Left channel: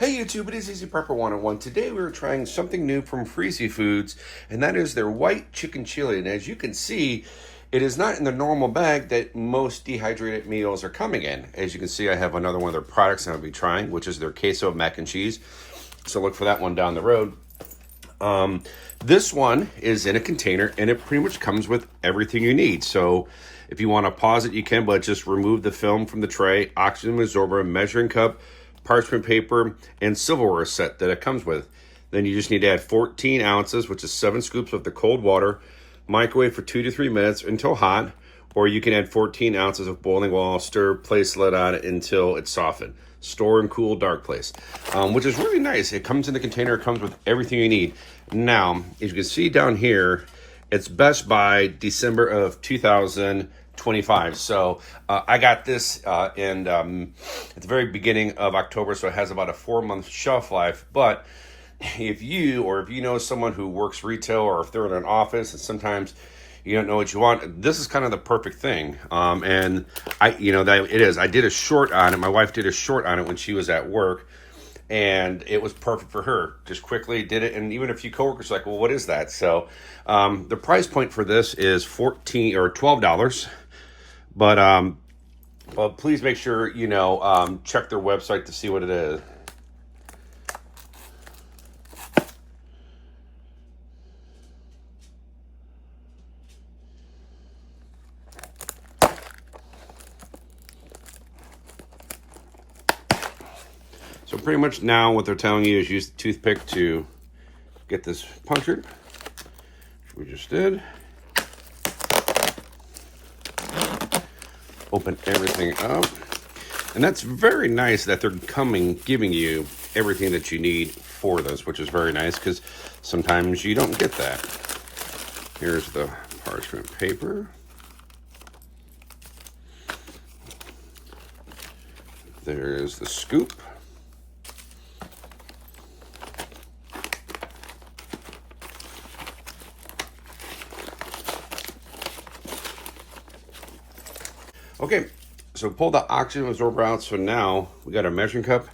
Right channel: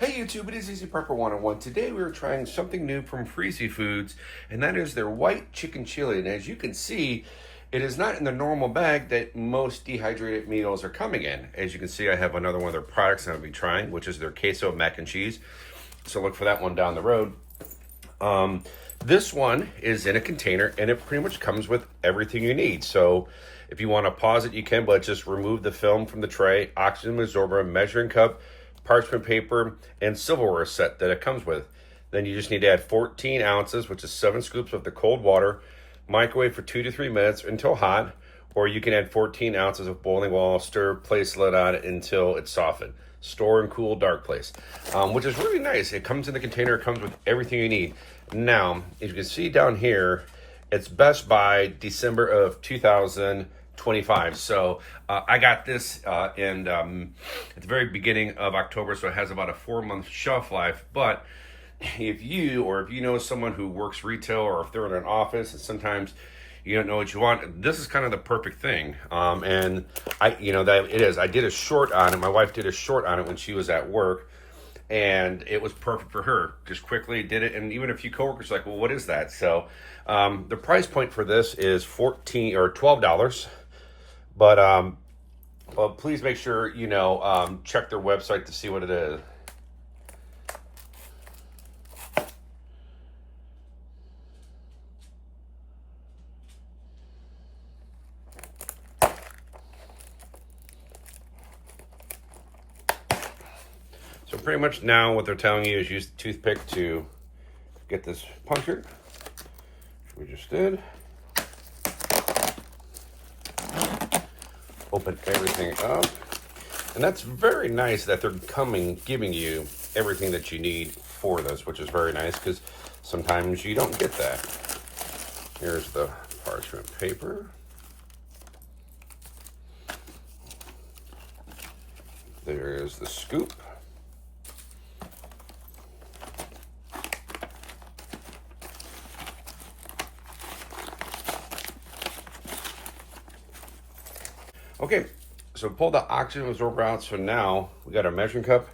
Hey YouTube, it is Easy Prepper 101. Today we are trying something new from Freezy Foods, and that is their white chicken chili. And as you can see, it is not in the normal bag that most dehydrated meals are coming in. As you can see, I have another one of their products I'm going to be trying, which is their queso mac and cheese. So look for that one down the road. This one is in a container, and it pretty much comes with everything you need. So if you want to pause it, you can, but just remove the film from the tray, oxygen absorber, measuring cup, parchment paper, and silverware set that it comes with. Then you just need to add 14 ounces, which is 7 scoops of the cold water, microwave for 2 to 3 minutes until hot, or you can add 14 ounces of boiling water, stir, place lid on it until it's softened. Store in cool, dark place, which is really nice. It comes in the container, it comes with everything you need. Now, as you can see down here, it's best by December of 2025. So I got this at the very beginning of October, so it has about a 4-month shelf life. But if you know someone who works retail, or if they're in an office and sometimes you don't know what you want, this is kind of the perfect thing. And I did a short on it. My wife did a short on it when she was at work, and it was perfect for her. Just quickly did it, and even a few coworkers were like, well, what is that? So the price point for this is $14 or $12. But please make sure check their website to see what it is. So pretty much now what they're telling you is use the toothpick to get this punctured, which we just did. Open everything up. And that's very nice that they're giving you everything that you need for this, which is very nice because sometimes you don't get that. Here's the parchment paper. There is the scoop. Okay, so pull the oxygen absorber out. So now we got our measuring cup,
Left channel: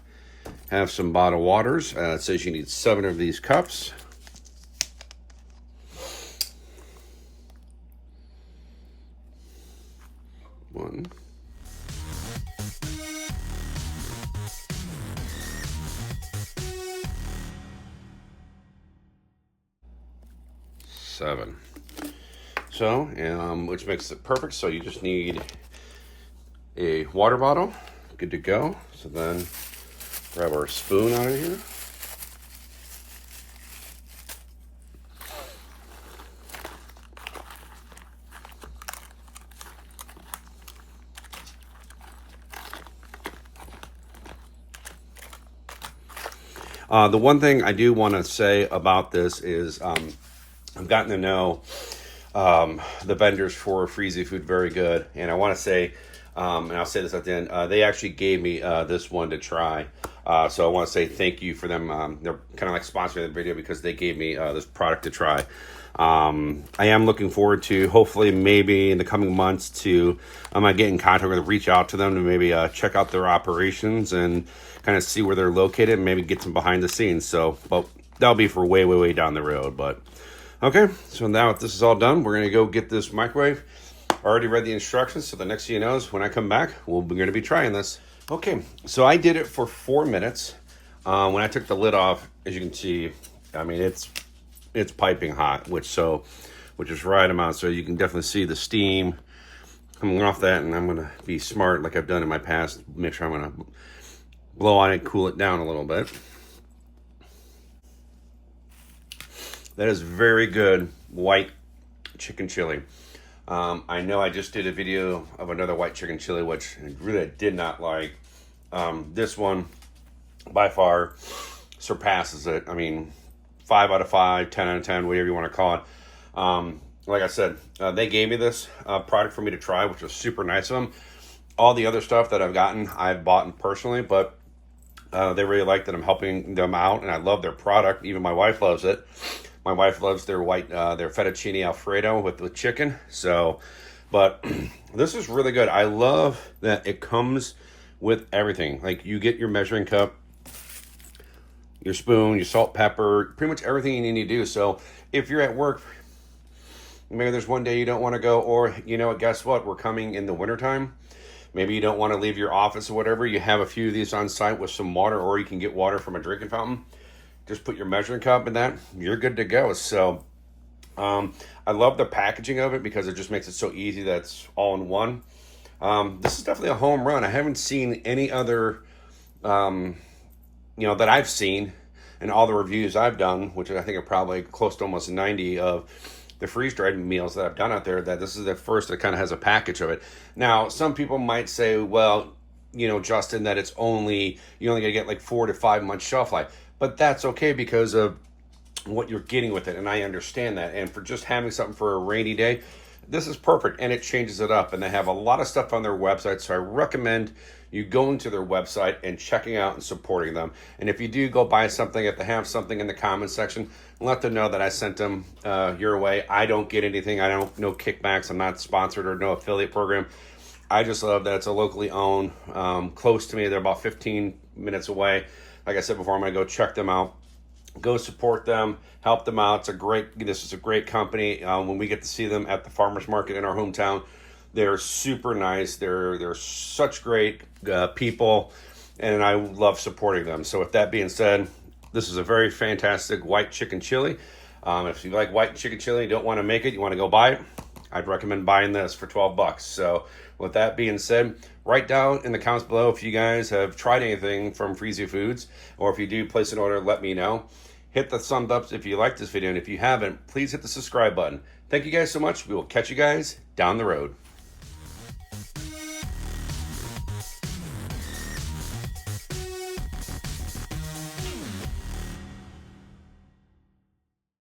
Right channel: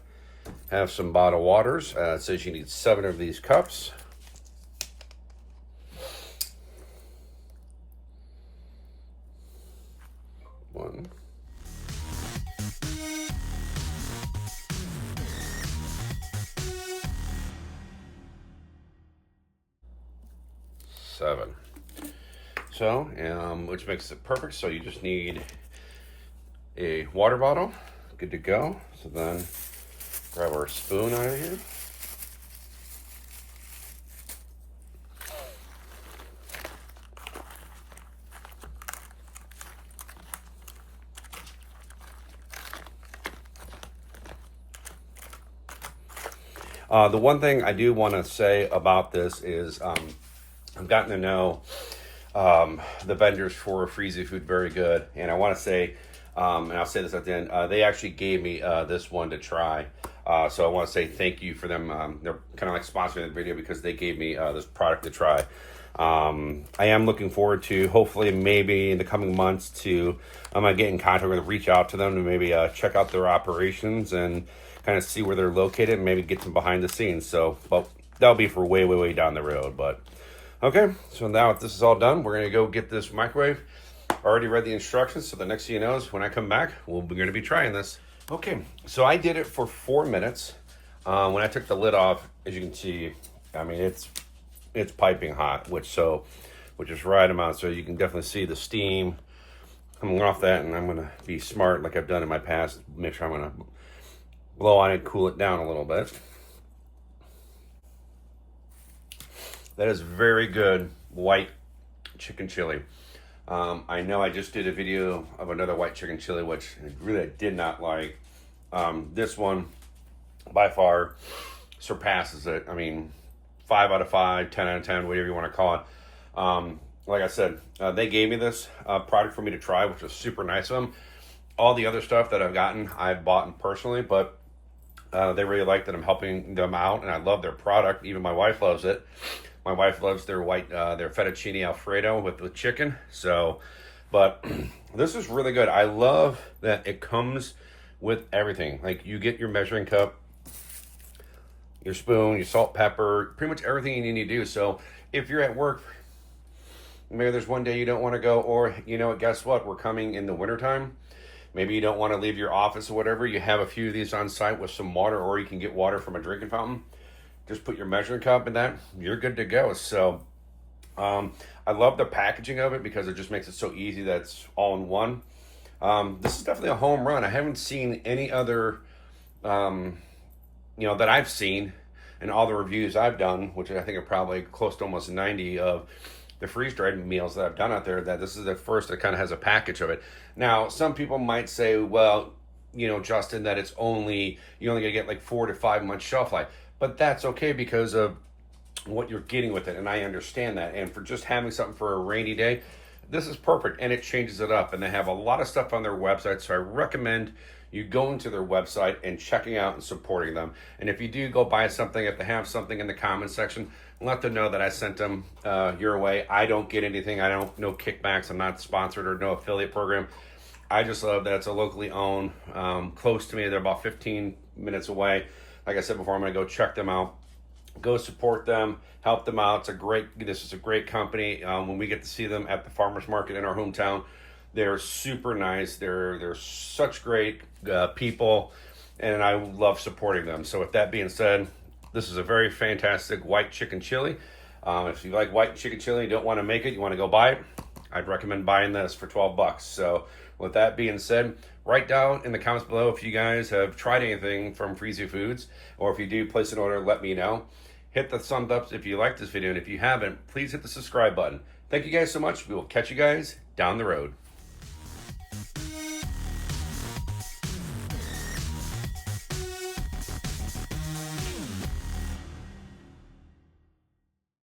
have some bottled waters. It says you need 7 of these cups. One. Seven. So, which makes it perfect. So you just need a water bottle, good to go. So then grab our spoon out of here. The one thing I do want to say about this is I've gotten to know the vendors for Freezy Food very good, and I want to say, and I'll say this at the end, they actually gave me this one to try. So I want to say thank you for them. They're kind of like sponsoring the video because they gave me this product to try. I am looking forward to, hopefully maybe in the coming months, to I'm going to get in contact with them, reach out to them to maybe check out their operations and kind of see where they're located and maybe get some behind the scenes. So, but that'll be for way, way, way down the road. But okay, so now if this is all done, we're going to go get this microwave. I already read the instructions, so the next thing you know is when I come back, we're going to be trying this. Okay, so I did it for 4 minutes. When I took the lid off, as you can see, I mean, it's piping hot, which is right amount. So you can definitely see the steam coming off that, and I'm going to be smart like I've done in my past. Make sure I'm going to blow on it, cool it down a little bit. That is very good white chicken chili. I know I just did a video of another white chicken chili, which I really did not like. This one, by far, surpasses it. I mean, 5 out of 5, 10 out of 10, whatever you want to call it. Like I said, they gave me this product for me to try, which was super nice of them. All the other stuff that I've gotten, I've bought personally, but they really like that I'm helping them out, and I love their product. Even my wife loves it. My wife loves their their fettuccine alfredo with chicken. So, but this is really good. I love that it comes with everything. Like, you get your measuring cup, your spoon, your salt, pepper, pretty much everything you need to do. So if you're at work, maybe there's one day you don't want to go, or you know, guess what? We're coming in the wintertime. Maybe you don't want to leave your office or whatever. You have a few of these on site with some water, or you can get water from a drinking fountain. Just put your measuring cup in that. You're good to go. So I love the packaging of it because it just makes it so easy that it's all in one. This is definitely a home run. I haven't seen any other, that I've seen in all the reviews I've done, which I think are probably close to almost 90 of the freeze-dried meals that I've done out there, that this is the first that kind of has a package of it. Now, some people might say, well, Justin, that you only gonna get like 4 to 5 months shelf life, but that's okay because of what you're getting with it, and I understand that. And for just having something for a rainy day, this is perfect, and it changes it up. And they have a lot of stuff on their website, so I recommend you going to their website and checking out and supporting them. And if you do go buy something, if they have something in the comment section, let them know that I sent them your way. I don't get anything. I don't no kickbacks. I'm not sponsored or no affiliate program. I just love that it's a locally owned, close to me. They're about 15 minutes away. Like I said before, I'm going to go check them out. Go support them, help them out. This is a great company. When we get to see them at the farmers market in our hometown, they're super nice. They're such great people, and I love supporting them. So with that being said, this is a very fantastic white chicken chili. If you like white chicken chili, you don't want to make it, you want to go buy it, I'd recommend buying this for 12 bucks. So with that being said, write down in the comments below if you guys have tried anything from Freezy Foods, or if you do place an order, let me know. Hit the thumbs up if you like this video, and if you haven't, please hit the subscribe button. Thank you guys so much. We will catch you guys down the road.